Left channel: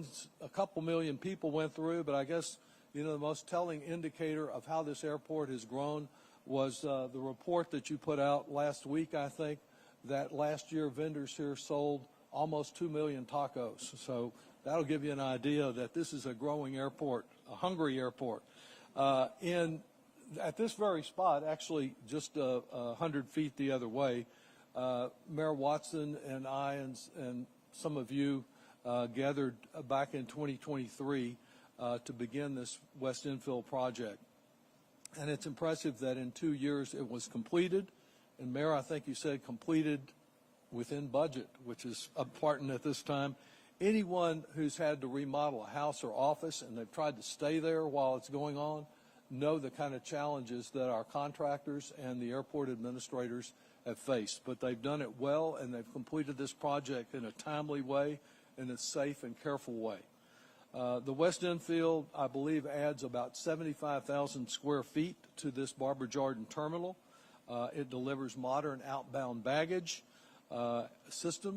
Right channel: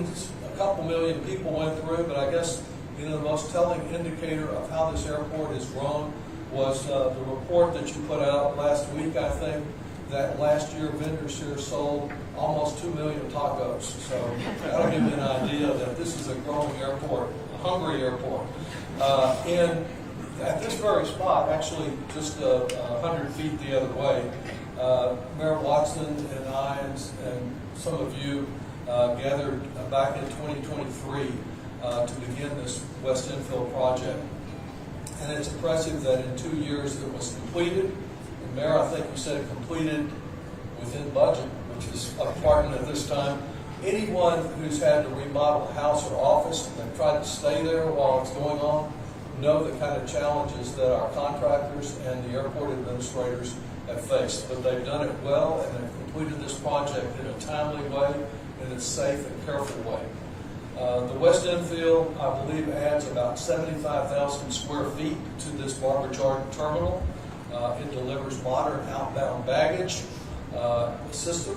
a couple million people went through, but I guess the most telling indicator of how this airport has grown was the report that you put out last week, I think, that last year vendors here sold almost 2 million tacos. So that'll give you an idea that this is a growing airport, a hungry airport. At this very spot, actually just 100 feet the other way, Mayor Watson and I and some of you gathered back in 2023 to begin this West Infield project. And it's impressive that in 2 years it was completed. And Mayor, I think you said it completed within budget, which is important at this time. Anyone who's had to remodel a house or office and they've tried to stay there while it's going on know the kind of challenges that our contractors and the airport administrators have faced. But they've done it well, and they've completed this project in a timely way, in a safe and careful way. The West Infield, I believe, adds about 75,000 square feet to this Barber terminal. It delivers modern outbound baggage system.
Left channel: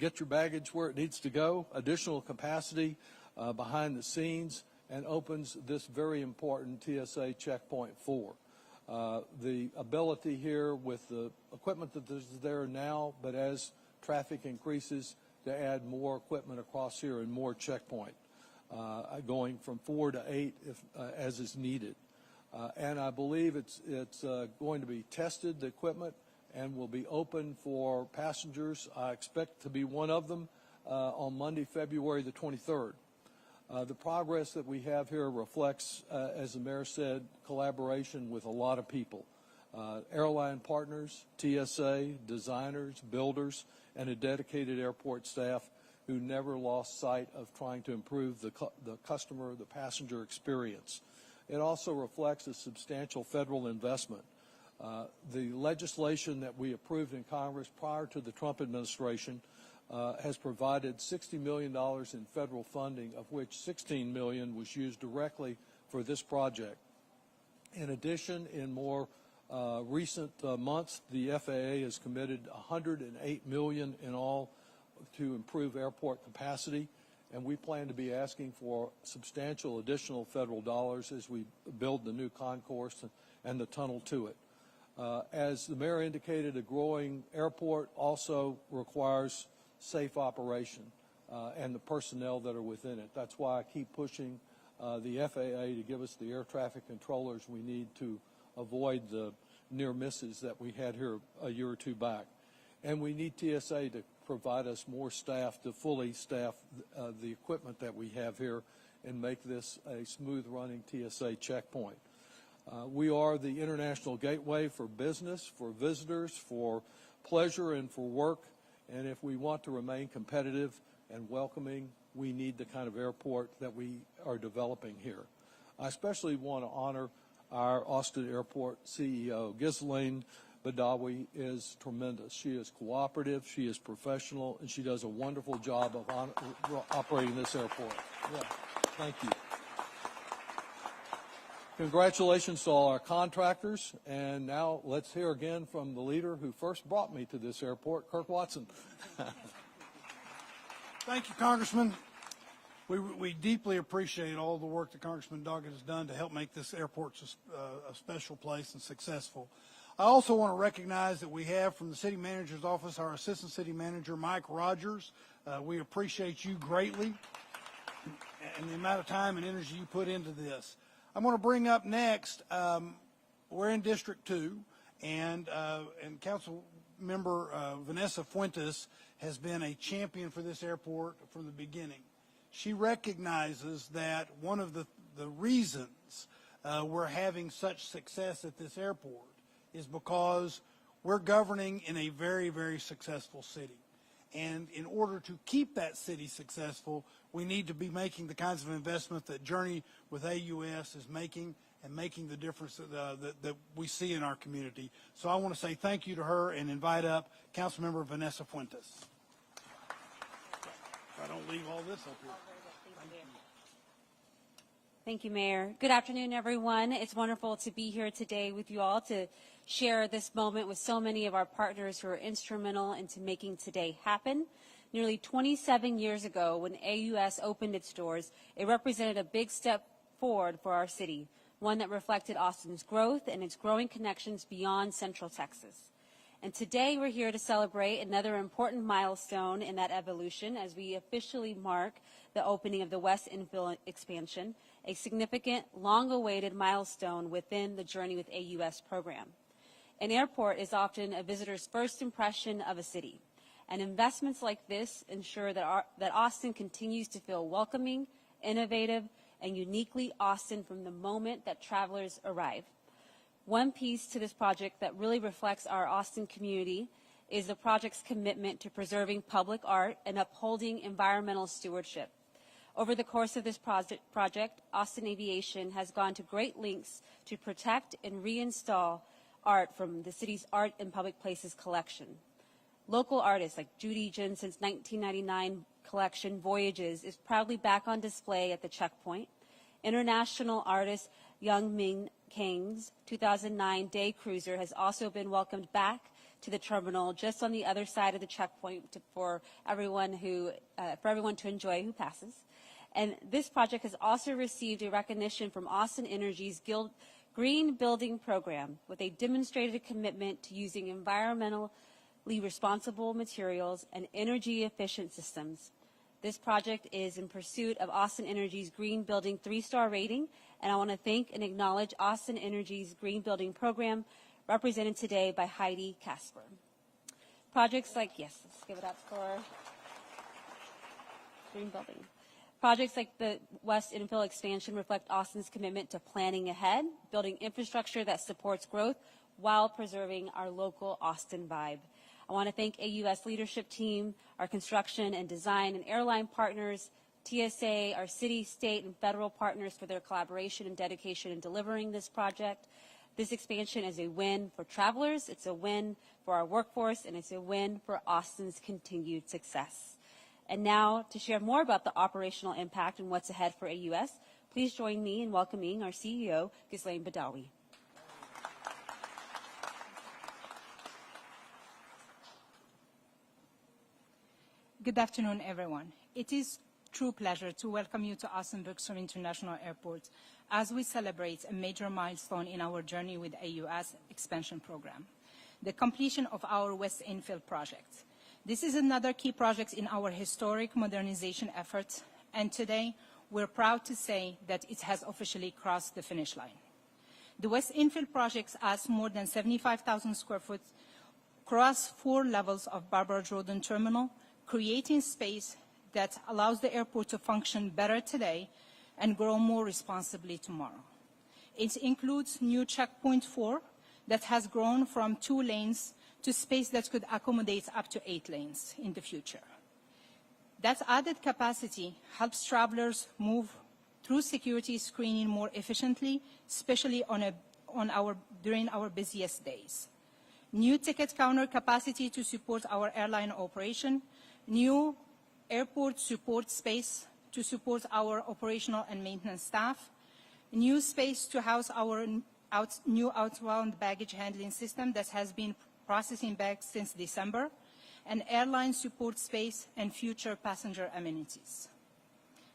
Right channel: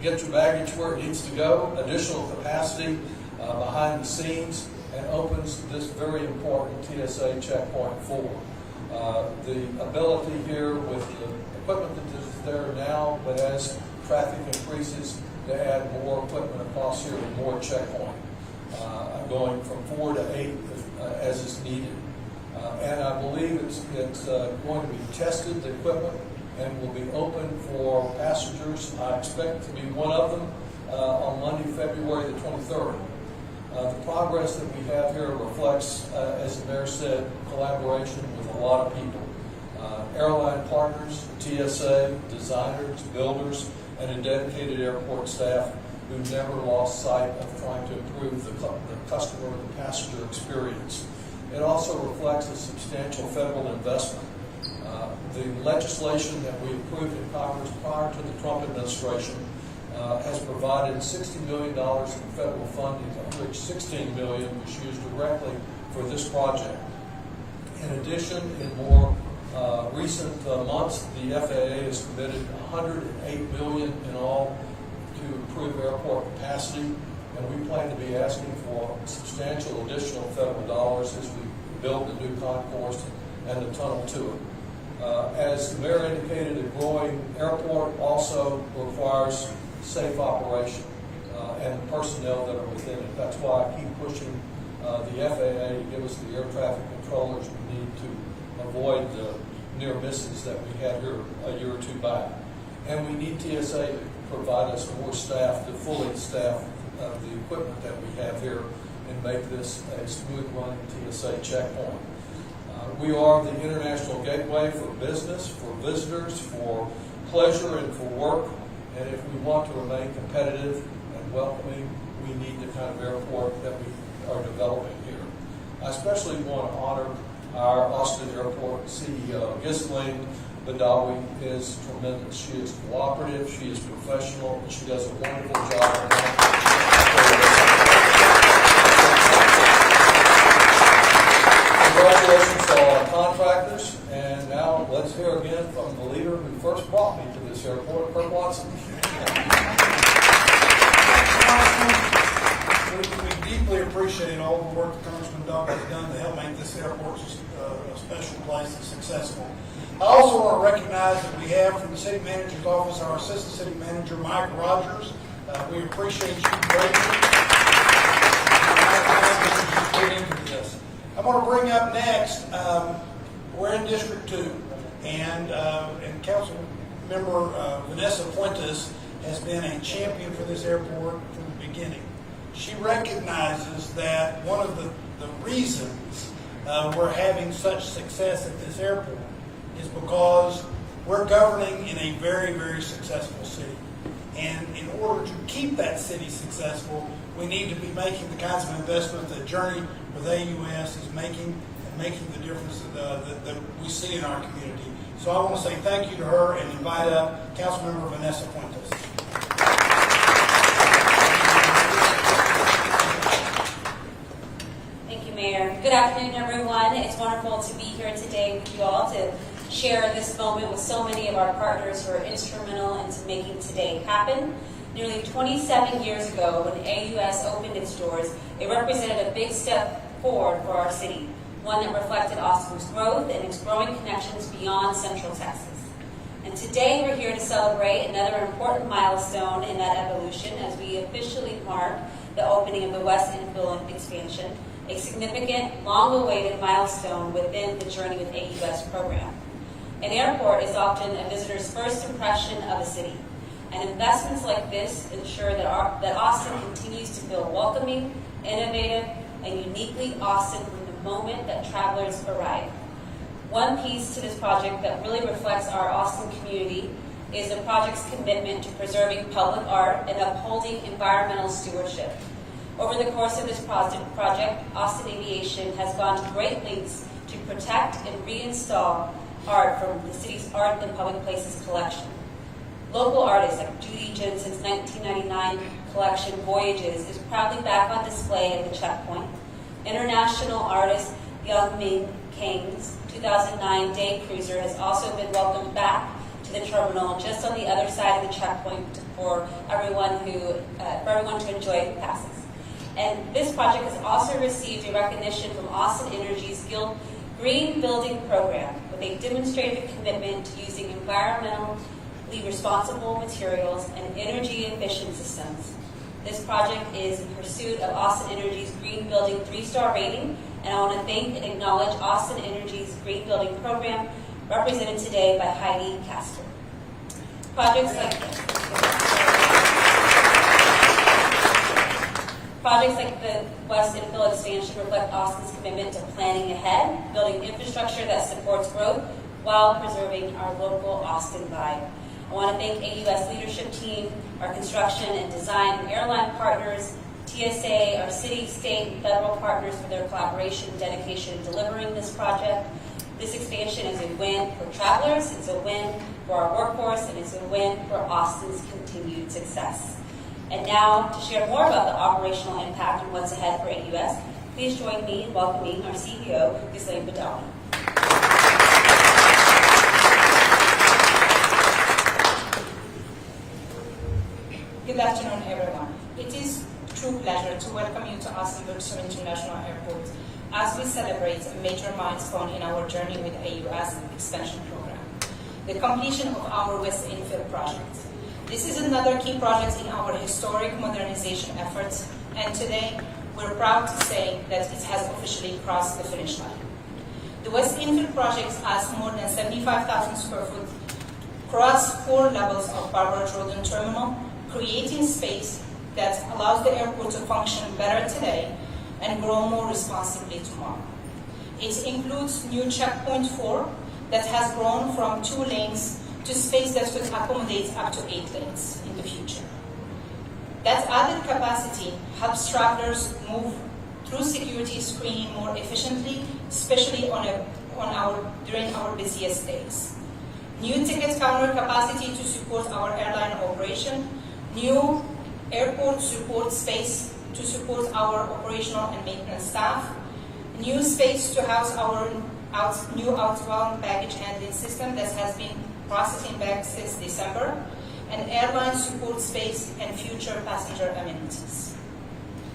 Get your baggage where it needs to go, additional capacity behind the scenes, and opens this very important TSA checkpoint 4. The ability here with the equipment that is there now, but as traffic increases, to add more equipment across here and more checkpoint, going from 4 to 8 as is needed. And I believe it's going to be tested, the equipment, and will be open for passengers. I expect to be one of them on Monday, February the 23rd. The progress that we have here reflects, as the mayor said, collaboration with a lot of people. Airline partners, TSA, designers, builders, and a dedicated airport staff who never lost sight of trying to improve the customer, the passenger experience. It also reflects a substantial federal investment. The legislation that we approved in Congress prior to the Trump administration has provided $60 million in federal funding, of which $16 million was used directly for this project. In addition, in more recent months, the FAA has committed $108 million in all to improve airport capacity, and we plan to be asking for substantial additional federal dollars as we build the new concourse and the tunnel to it. As the mayor indicated, a growing airport also requires safe operation and the personnel that are within it. That's why I keep pushing the FAA to give us the air traffic controllers we need to avoid the near misses that we had here a year or two back. And we need TSA to provide us more staff to fully staff the equipment that we have here and make this a smooth running TSA checkpoint. We are the international gateway for business, for visitors, for pleasure, and for work. And if we want to remain competitive and welcoming, we need the kind of airport that we are developing here. I especially want to honor our Austin Airport CEO. Ghislaine Badawi is tremendous. She is cooperative, she is professional, and she does a wonderful job. Congratulations to all our contractors, and now let's hear again from the leader who first brought me to this airport, Kurt Watson. We deeply appreciate all the work that Congressman Doug has done to help make this airport a special place and successful. I also want to recognize that we have from the city manager's office our assistant city manager, Mike Rogers. We appreciate you greatly. I'm going to bring up next, we're in District 2, and Council Member Vanessa Fuentes has been a champion for this airport from the beginning. She recognizes that one of the reasons we're having such success at this airport is because we're governing in a very, very successful city. And in order to keep that city successful, we need to be making the kinds of investment that Journey with AUS is making, and making the difference that we see in our community. So I want to say thank you to her and invite up Councilmember Vanessa Fuentes. Thank you, Mayor. Good afternoon, everyone. It's wonderful to be here today with you all to share this moment with so many of our partners who are instrumental into making today happen. Nearly 27 years ago, when AUS opened its doors, it represented a big step forward for our city, one that reflected Austin's growth and its growing connections beyond Central Texas. And today we're here to celebrate another important milestone in that evolution as we officially mark the opening of the West Infield expansion, a significant, long-awaited milestone within the Journey with AUS program. An airport is often a visitor's first impression of a city, and investments like this ensure that Austin continues to feel welcoming, innovative, and uniquely Austin from the moment that travelers arrive. One piece to this project that really reflects our Austin community is the project's commitment to preserving public art and upholding environmental stewardship. Over the course of this project, Austin Aviation has gone to great lengths to protect and reinstall art from the city's Art and Public Places collection. Local artists like Judy Jensen's 1999 collection, Voyages, is proudly back on display at the checkpoint. International artist Young Ming Kang's 2009 Day Cruiser has also been welcomed back to the terminal just on the other side of the checkpoint for everyone to enjoy passes. And this project has also received a recognition from Austin Energy's Guild Green Building Program, with a demonstrated commitment to using environmentally responsible materials and energy-efficient systems. This project is in pursuit of Austin Energy's Green Building 3-star rating, and I want to thank and acknowledge Austin Energy's Green Building Program, represented today by Heidi Castor. Projects like the West Infield expansion reflect Austin's commitment to planning ahead, building infrastructure that supports growth while preserving our local Austin vibe. I want to thank AUS leadership team, our construction and design and airline partners, TSA, our city, state, and federal partners for their collaboration and dedication in delivering this project. This expansion is a win for travelers, it's a win for our workforce, and it's a win for Austin's continued success. And now, to share more about the operational impact and what's ahead for AUS, please join me in welcoming our CEO, Ghislaine Badawi. Good afternoon, everyone. It is a true pleasure to welcome you to Austin-Bergstrom International Airport as we celebrate a major milestone in our journey with AUS expansion program, the completion of our West Infield project. This is another key project in our historic modernization efforts, and today we're proud to say that it has officially crossed the finish line. The West Infield project has more than 75,000 square foot across 4 levels of Barbara Jordan Terminal, creating space that allows the airport to function better today and grow more responsibly tomorrow. It includes new checkpoint 4 that has grown from 2 lanes to space that could accommodate up to 8 lanes in the future. That added capacity helps travelers move through security screening more efficiently, especially during our busiest days. New ticket counter capacity to support our airline operation, new airport support space to support our operational and maintenance staff, new space to house our new outbound baggage handling system that has been processing bags since December, and airline support space and future passenger amenities.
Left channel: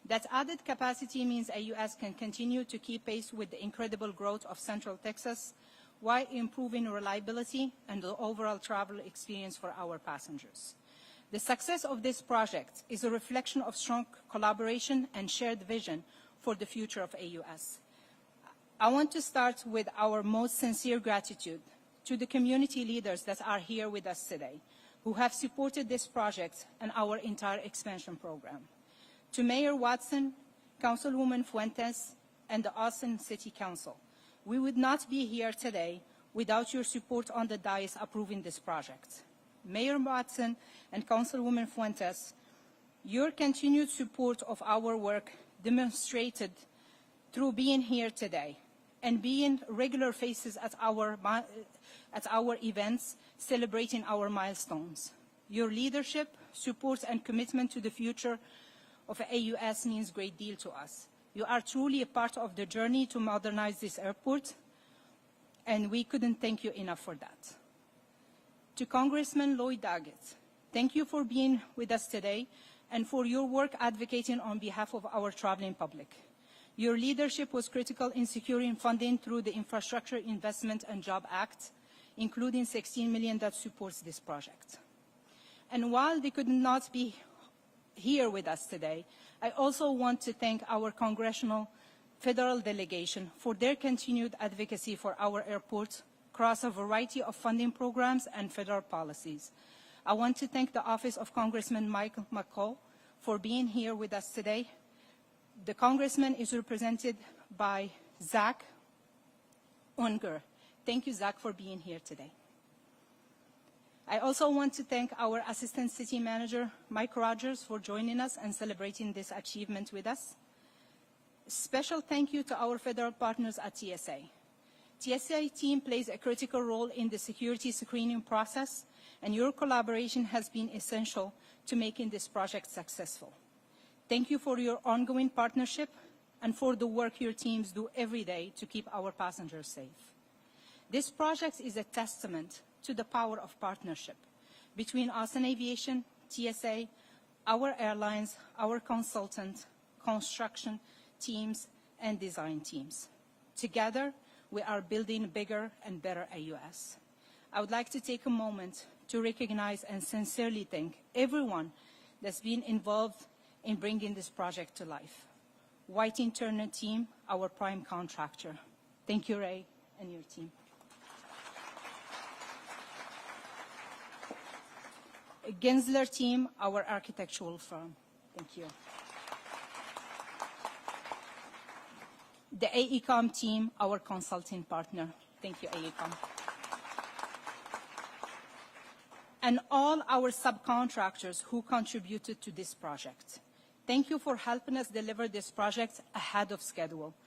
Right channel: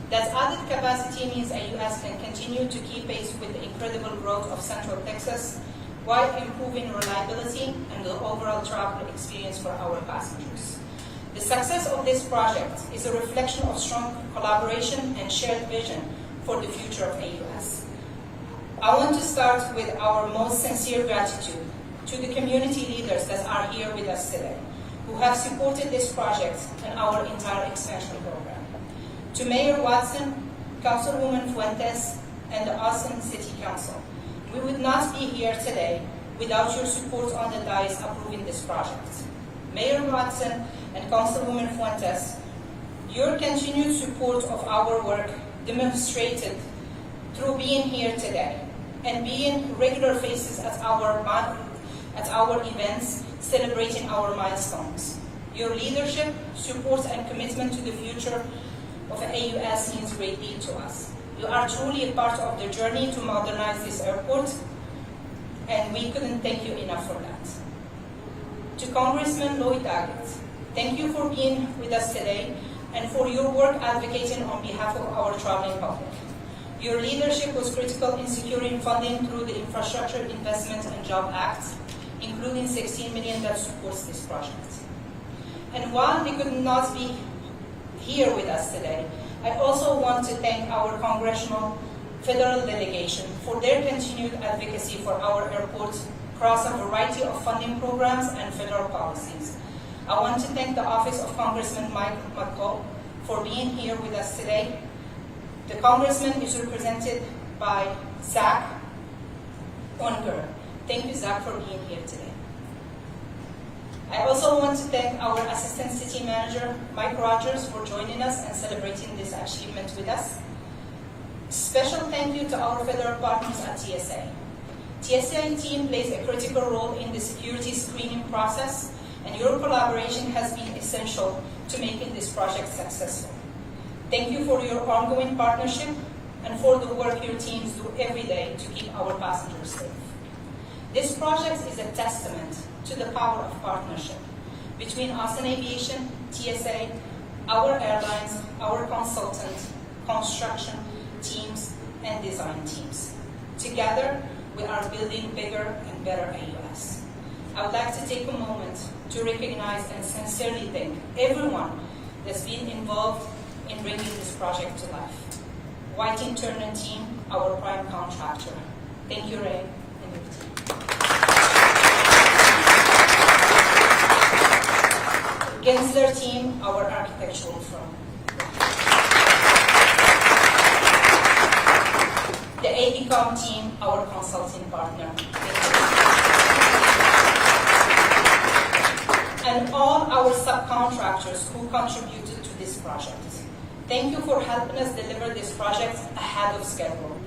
That added capacity means AUS can continue to keep pace with the incredible growth of Central Texas while improving reliability and the overall travel experience for our passengers. The success of this project is a reflection of strong collaboration and shared vision for the future of AUS. I want to start with our most sincere gratitude to the community leaders that are here with us today, who have supported this project and our entire expansion program. To Mayor Watson, Councilwoman Fuentes, and the Austin City Council, we would not be here today without your support on the dais approving this project. Mayor Watson and Councilwoman Fuentes, your continued support of our work demonstrated through being here today and being regular faces at our events celebrating our milestones. Your leadership, support, and commitment to the future of AUS means great deal to us. You are truly a part of the journey to modernize this airport, and we couldn't thank you enough for that. To Congressman Lloyd Daggett, thank you for being with us today and for your work advocating on behalf of our traveling public. Your leadership was critical in securing funding through the Infrastructure Investment and Job Act, including $16 million that supports this project. And while they could not be here with us today, I also want to thank our congressional federal delegation for their continued advocacy for our airport across a variety of funding programs and federal policies. I want to thank the Office of Congressman Mike McCall for being here with us today. The Congressman is represented by Zach Unker. Thank you, Zach, for being here today. I also want to thank our Assistant City Manager, Mike Rogers, for joining us and celebrating this achievement with us. Special thank you to our federal partners at TSA. TSA team plays a critical role in the security screening process, and your collaboration has been essential to making this project successful. Thank you for your ongoing partnership and for the work your teams do every day to keep our passengers safe. This project is a testament to the power of partnership between Austin Aviation, TSA, our airlines, our consultant, construction teams, and design teams. Together, we are building bigger and better AUS. I would like to take a moment to recognize and sincerely thank everyone that's been involved in bringing this project to life. Whiting Turner team, our prime contractor. Thank you, Ray, and your team. Gensler team, our architectural firm. The AECOM team, our consulting partner. And all our subcontractors who contributed to this project. Thank you for helping us deliver this project ahead of schedule.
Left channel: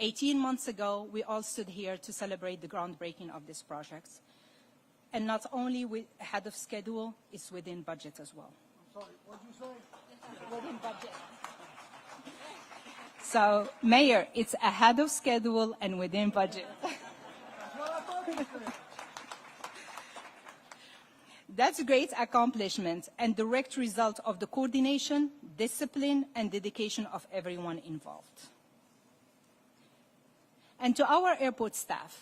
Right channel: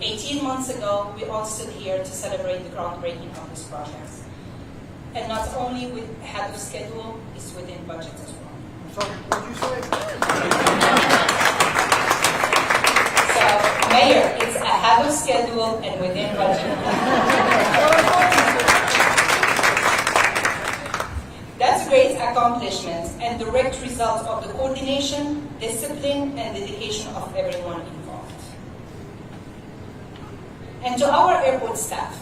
18 months ago, we all stood here to celebrate the groundbreaking of this project. And not only ahead of schedule, it's within budget as well. Sorry, what did you say? So, Mayor, it's ahead of schedule and within budget. That's a great accomplishment and direct result of the coordination, discipline, and dedication of everyone involved. And to our airport staff,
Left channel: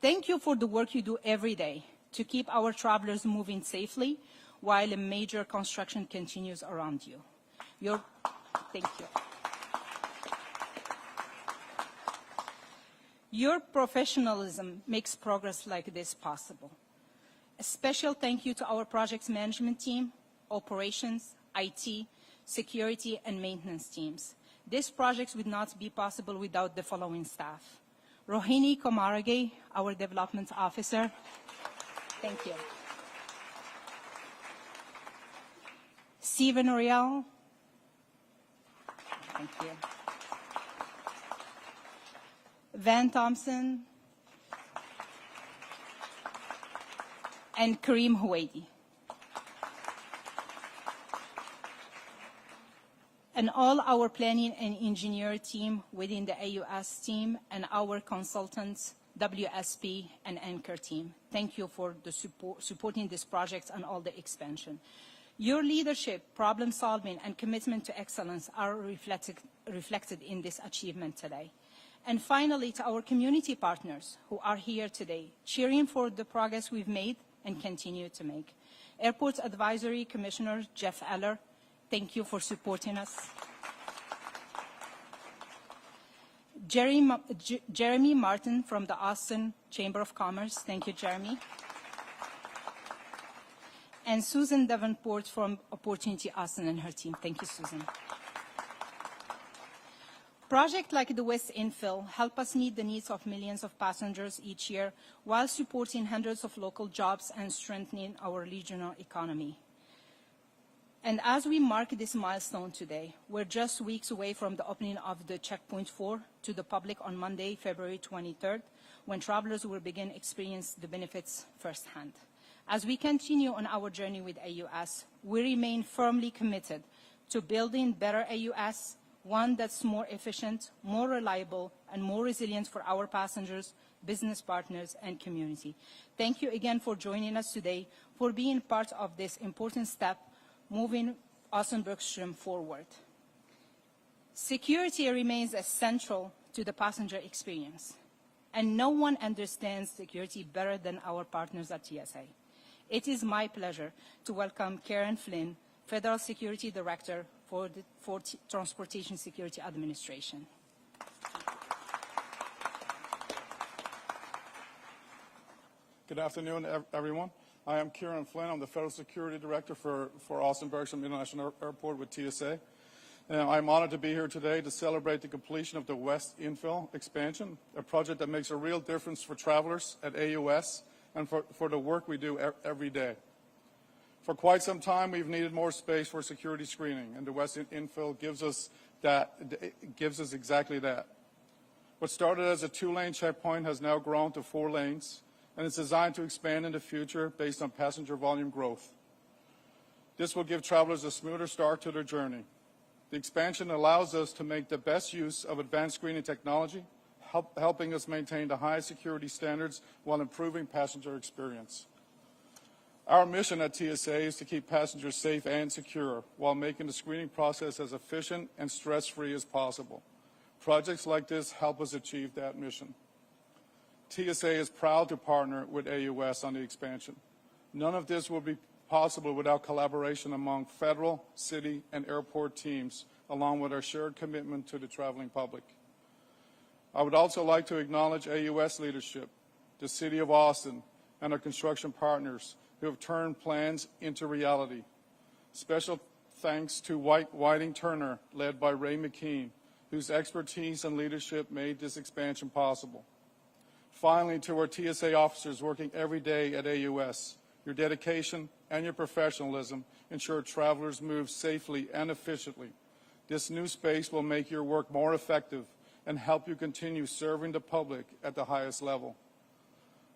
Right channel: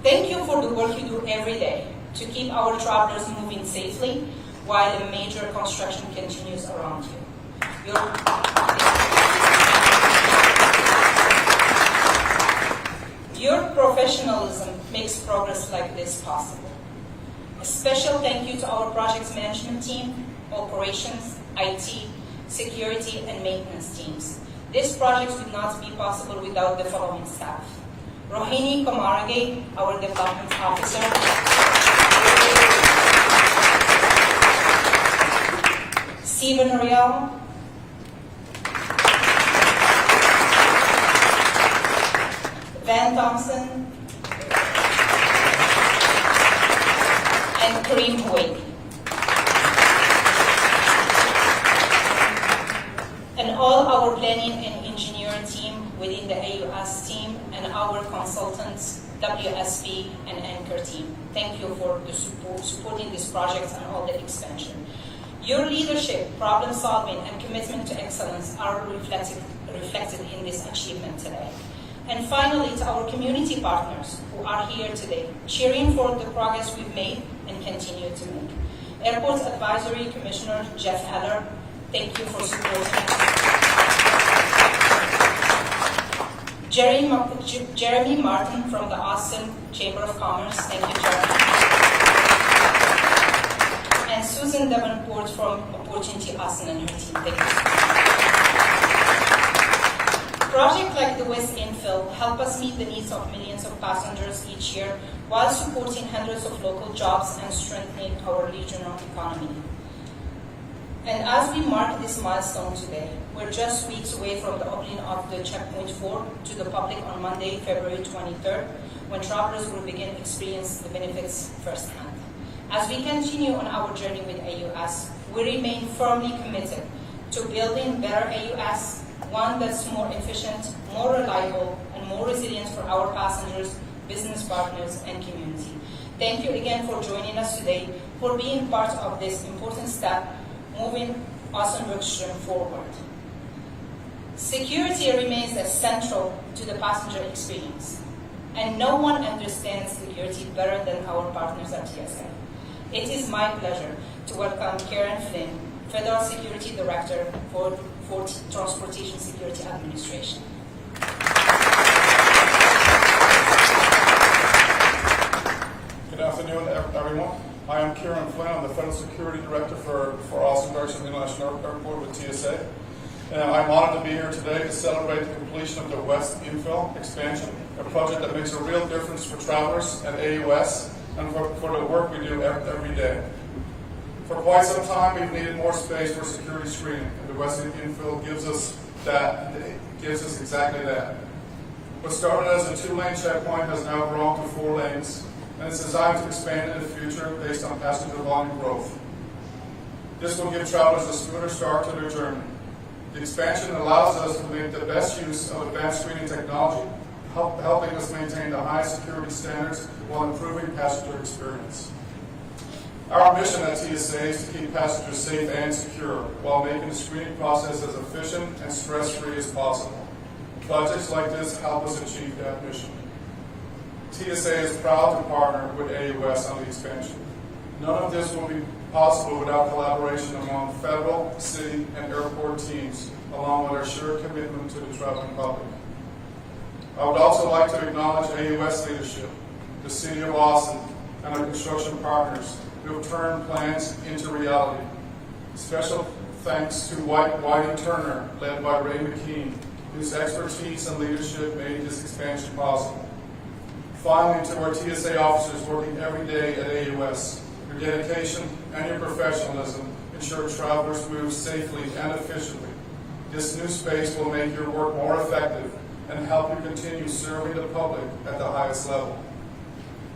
thank you for the work you do every day to keep our travelers moving safely while a major construction continues around you. Your professionalism makes progress like this possible. A special thank you to our project management team, operations, IT, security, and maintenance teams. This project would not be possible without the following staff. Rohini Komarage, our development officer. Steven Riel. Van Thompson. And Kareem Huwaiti. And all our planning and engineering team within the AUS team and our consultants, WSP and Anchor team. Thank you for the supporting this project and all the expansion. Your leadership, problem solving, and commitment to excellence are reflected in this achievement today. And finally, to our community partners who are here today, cheering for the progress we've made and continue to make. Airport Advisory Commissioner Jeff Heller, thank you for supporting us. Jeremy Martin from the Austin Chamber of Commerce, thank you, Jeremy. And Susan Davenport from Opportunity Austin and her team, thank you. Projects like the West Infield help us meet the needs of millions of passengers each year while supporting hundreds of local jobs and strengthening our regional economy. And as we mark this milestone today, we're just weeks away from the opening of the Checkpoint 4 to the public on Monday, February 23rd, when travelers will begin to experience the benefits firsthand. As we continue on our journey with AUS, we remain firmly committed to building better AUS, one that's more efficient, more reliable, and more resilient for our passengers, business partners, and community. Thank you again for joining us today for being part of this important step moving Austin Brookstream forward. Security remains central to the passenger experience, and no one understands security better than our partners at TSA. It is my pleasure to welcome Karen Flynn, Federal Security Director for Transportation Security Administration. Good afternoon, everyone. I am Kieran Flynn. I'm the Federal Security Director for Austin Brookstream International Airport with TSA. And I'm honored to be here today to celebrate the completion of the West Infield expansion, a project that makes a real difference for travelers at AUS and for the work we do every day. For quite some time, we've needed more space for security screening, and the West Infield gives us exactly that. What started as a 2-lane checkpoint has now grown to 4 lanes, and it's designed to expand in the future based on passenger volume growth. This will give travelers a smoother start to their journey. The expansion allows us to make the best use of advanced screening technology, helping us maintain the highest security standards while improving passenger experience. Our mission at TSA is to keep passengers safe and secure while making the screening process as efficient and stress-free as possible. Projects like this help us achieve that mission. TSA is proud to partner with AUS on the expansion. None of this will be possible without collaboration among federal, city, and airport teams, along with our shared commitment to the traveling public. I would also like to acknowledge AUS leadership, the City of Austin, and our construction partners who have turned plans into reality. Special thanks to Whiting Turner, led by Ray McKean, whose expertise and leadership made this expansion possible. Finally, to our TSA officers working every day at AUS, your dedication and your professionalism ensure travelers move safely and efficiently. This new space will make your work more effective and help you continue serving the public at the highest level.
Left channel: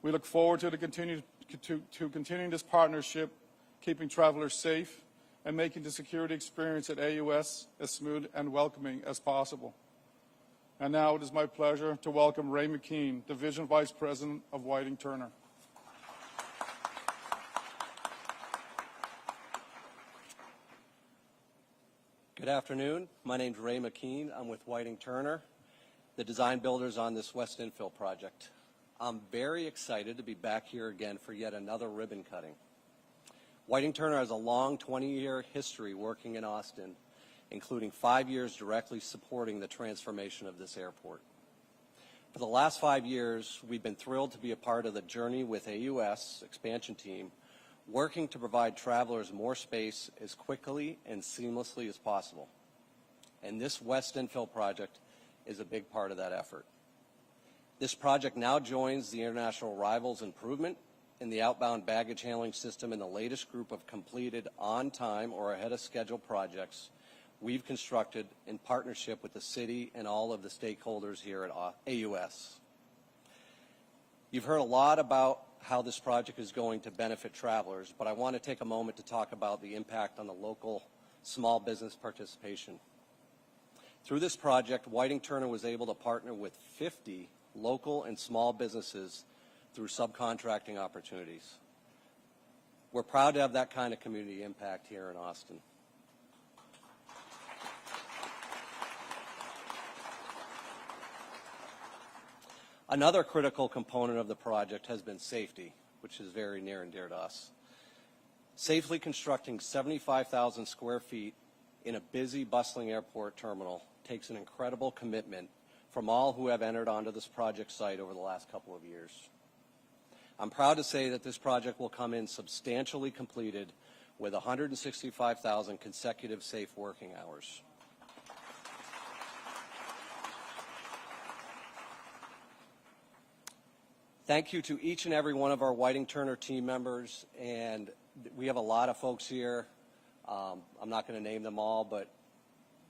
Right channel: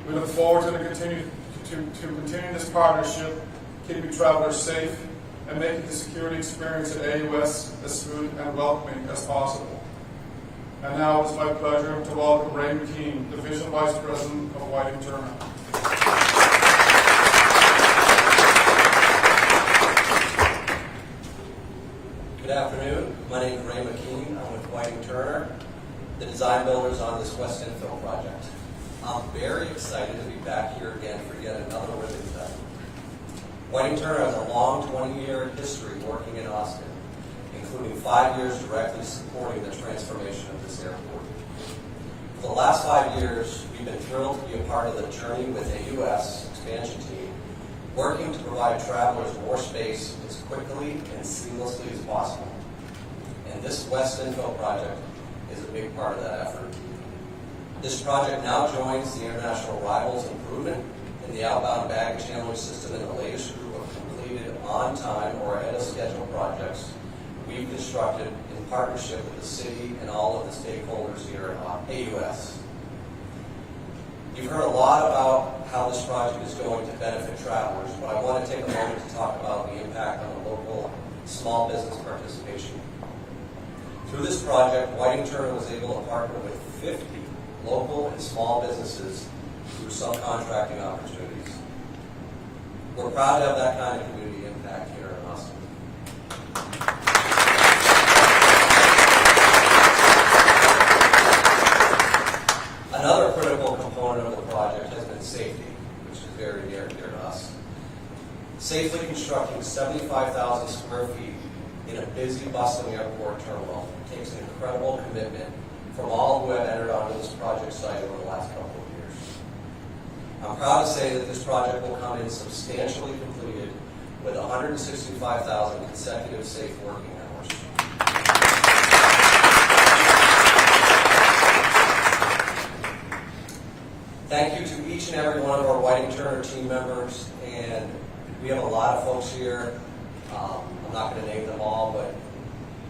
We look forward to continue this partnership, keeping travelers safe, and making the security experience at AUS as smooth and welcoming as possible. And now it's my pleasure to welcome Ray McKean, Division Vice President of Whiting Turner. Good afternoon. My name is Ray McKean. I'm with Whiting Turner, the design builders on this West Infield project. I'm very excited to be back here again for yet another ribbon cut. Whiting Turner has a long 20-year history working in Austin, including 5 years directly supporting the transformation of this airport. For the last 5 years, we've been thrilled to be a part of the journey with AUS expansion team, working to provide travelers more space as quickly and seamlessly as possible. And this West Infield project is a big part of that effort. This project now joins the international arrivals improvement in the outbound baggage handling system in the latest group of completed on time or ahead of schedule projects we've constructed in partnership with the city and all of the stakeholders here at AUS. You've heard a lot about how this project is going to benefit travelers, but I want to take a moment to talk about the impact on the local small business participation. Through this project, Whiting Turner was able to partner with 50 local and small businesses through subcontracting opportunities. We're proud to have that kind of community impact here in Austin. Another critical component of the project has been safety, which is very near and dear to us. Safely constructing 75,000 square feet in a busy, bustling airport terminal takes an incredible commitment from all who have entered onto this project site over the last couple of years. I'm proud to say that this project will come in substantially completed with 165,000 consecutive safe working hours. Thank you to each and every one of our Whiting Turner team members, and we have a lot of folks here. I'm not going to name them all, but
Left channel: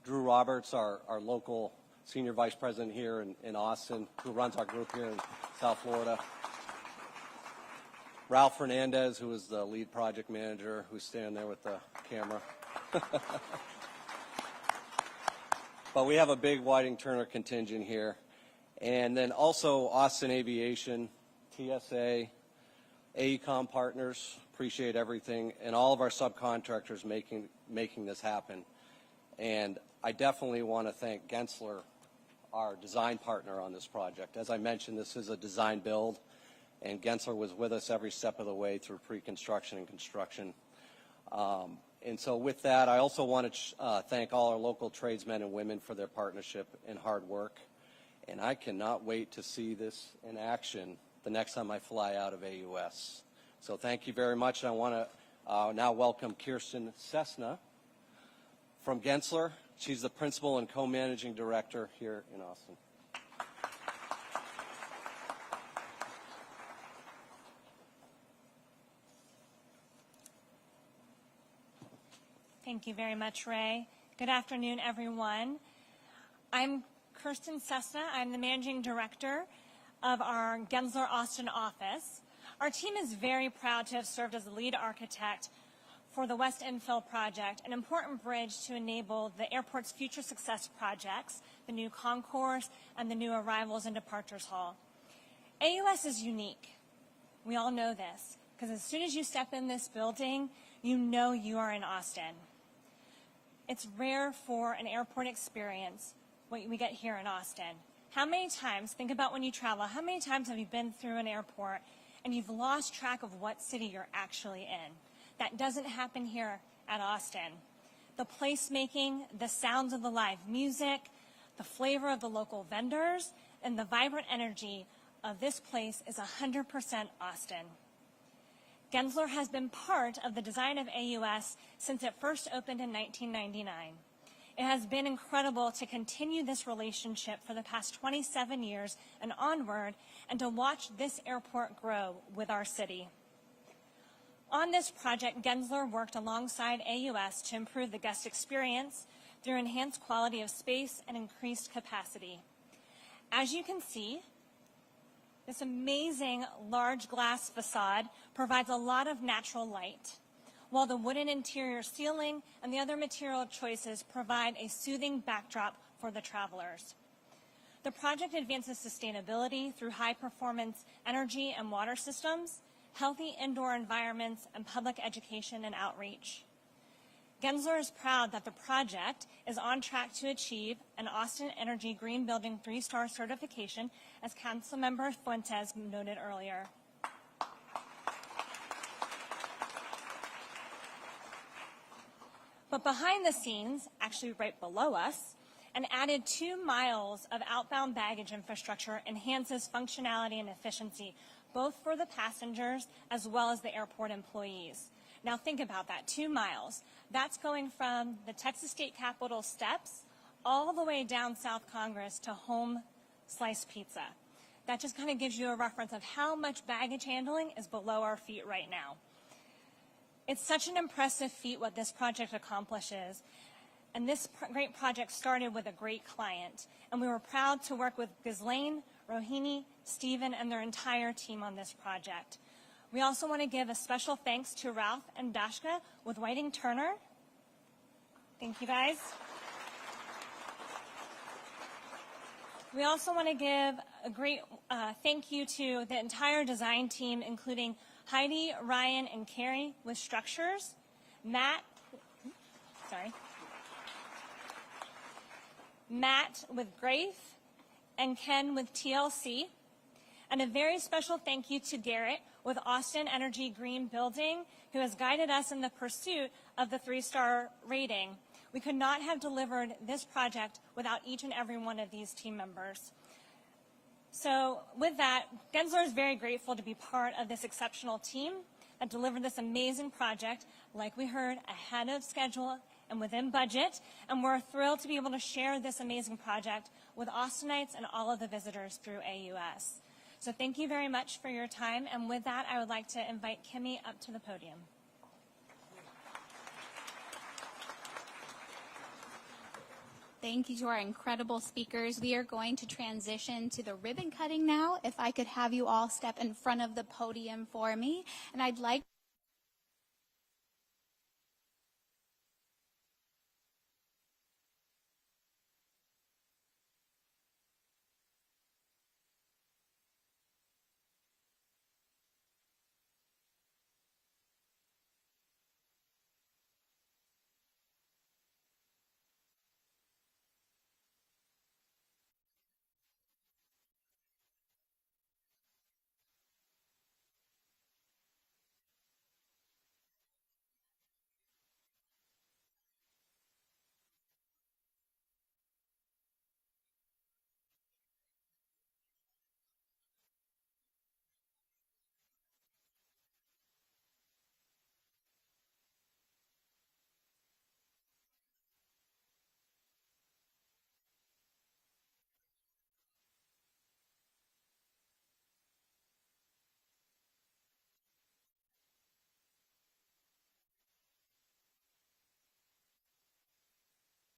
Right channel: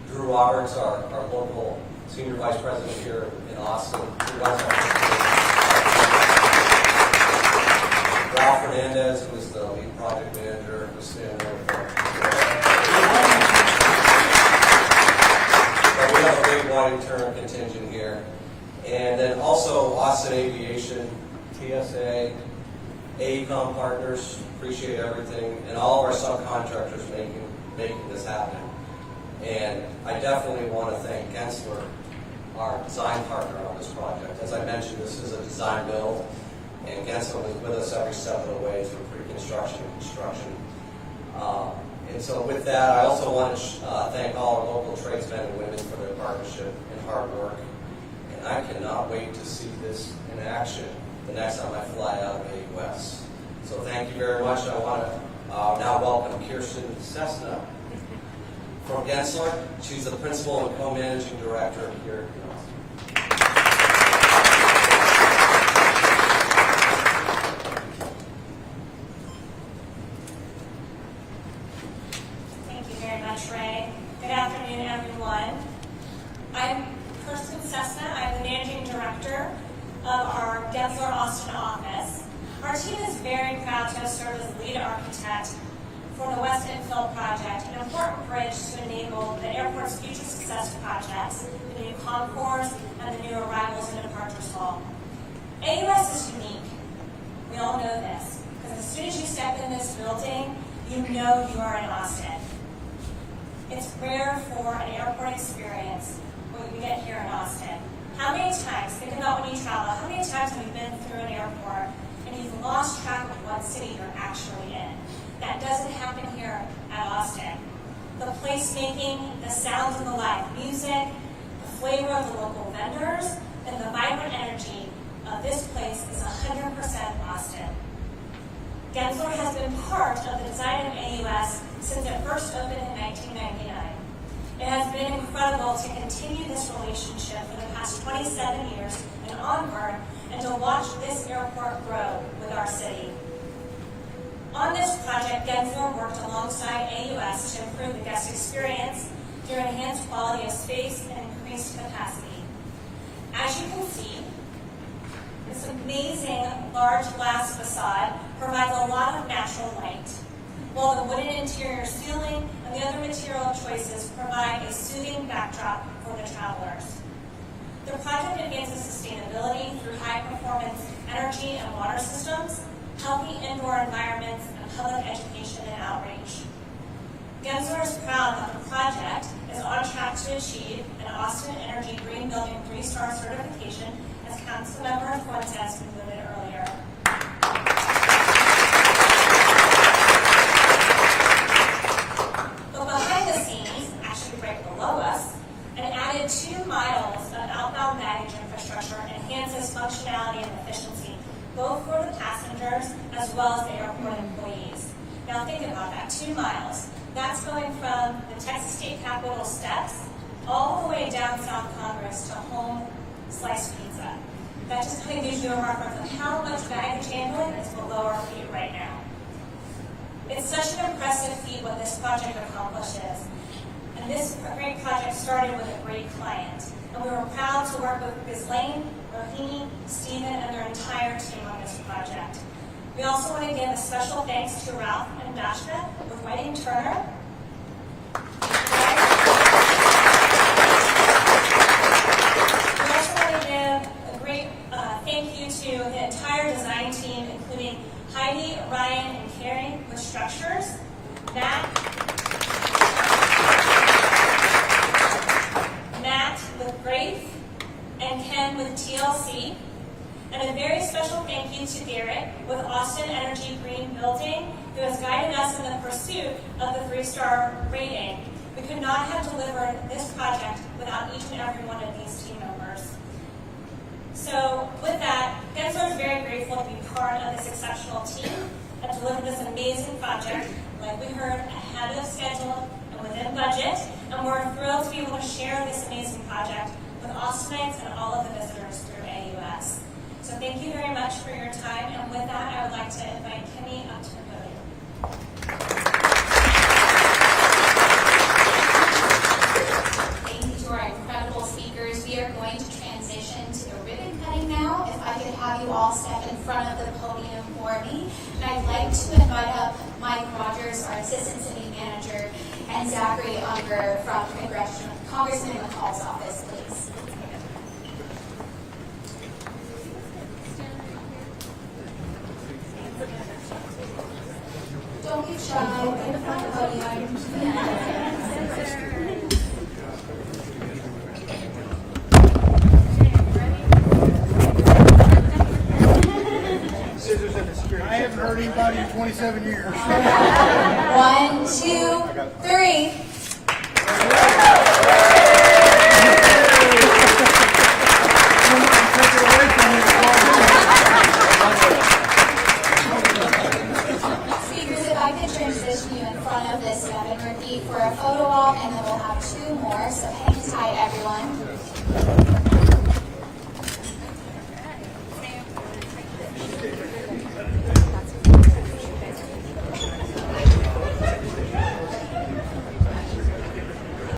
Drew Roberts, our local Senior Vice President here in Austin, who runs our Ralph Fernandez, who is the lead project manager, who's standing over But we have a big Whiting Turner contingent here. And then also Austin Aviation, TSA, AECOM partners, appreciate everything, and all of our subcontractors making this happen. And I definitely want to thank Gensler, our design partner on this project. As I mentioned, this is a design build, and Gensler was with us every step of the way through pre-construction and construction. And so with that, I also want to thank all our local tradesmen and women for their partnership and hard work. And I cannot wait to see this in action the next time I fly out of AUS. So thank you very much. I want to now welcome Kirsten Cessna from Gensler. She's the principal and co-managing director here in Austin. Thank you very much, Ray. Good afternoon, everyone. I'm Kirsten Cessna. I'm the managing director of our Gensler Austin office. Our team is very proud to have served as lead architect for the West Infield project, an important bridge to enable the airport's future success projects, the new concourse, and the new arrivals and departures hall. AUS is unique. We all know this, because as soon as you step in this building, you know you are in Austin. It's rare for an airport experience when we get here in Austin. How many times, think about when you travel, how many times have you been through an airport and you've lost track of what city you're actually in? That doesn't happen here at Austin. The placemaking, the sounds of the live music, the flavor of the local vendors, and the vibrant energy of this place is 100% Austin. Gensler has been part of the design of AUS since it first opened in 1999. It has been incredible to continue this relationship for the past 27 years and onward, and to watch this airport grow with our city. On this project, Gensler worked alongside AUS to improve the guest experience through enhanced quality of space and increased capacity. As you can see, this amazing large glass facade provides a lot of natural light, while the wooden interior ceiling and the other material choices provide a soothing backdrop for the travelers. The project advances sustainability through high-performance energy and water systems, healthy indoor environments, and public education and outreach. Gensler is proud that the project is on track to achieve an Austin Energy Green Building 3-star certification, as Councilmember Fuentes noted earlier. But behind the scenes, actually right below us, an added 2 miles of outbound baggage infrastructure enhances functionality and efficiency, both for the passengers as well as the airport employees. Now think about that, 2 miles. That's going from the Texas State Capitol steps all the way down South Congress to home sliced pizza. That just kind of gives you a reference of how much baggage handling is below our feet right now. It's such an impressive feat what this project accomplishes. And this great project started with a great client. And we were proud to work with Ghislaine, Rohini, Stephen, and their entire team on this project. We also want to give a special thanks to Ralph and Dashna with Whiting Turner. We also want to give a great thank you to the entire design team, including Heidi, Ryan, and Carrie with Structures, Matt with Grace, and Ken with TLC. And a very special thank you to Garrett with Austin Energy Green Building, who has guided us in the pursuit of the 3-star rating. We could not have delivered this project without each and every one of these team members. So with that, Gensler is very grateful to be part of this exceptional team that delivered this amazing project, like we heard, ahead of schedule and within budget. And we're thrilled to be able to share this amazing project with Austinites and all of the visitors through AUS. So thank you very much for your time. And with that, I would like to invite Kimmy up to the podium. Thank you to our incredible speakers. We are going to transition to the ribbon cutting now. If I could have you all step in front of the podium for me. And I'd like to invite up Mike Rogers, our Assistant City Manager, and Zachary Unger from Congressman McCall's office, please. 27 years.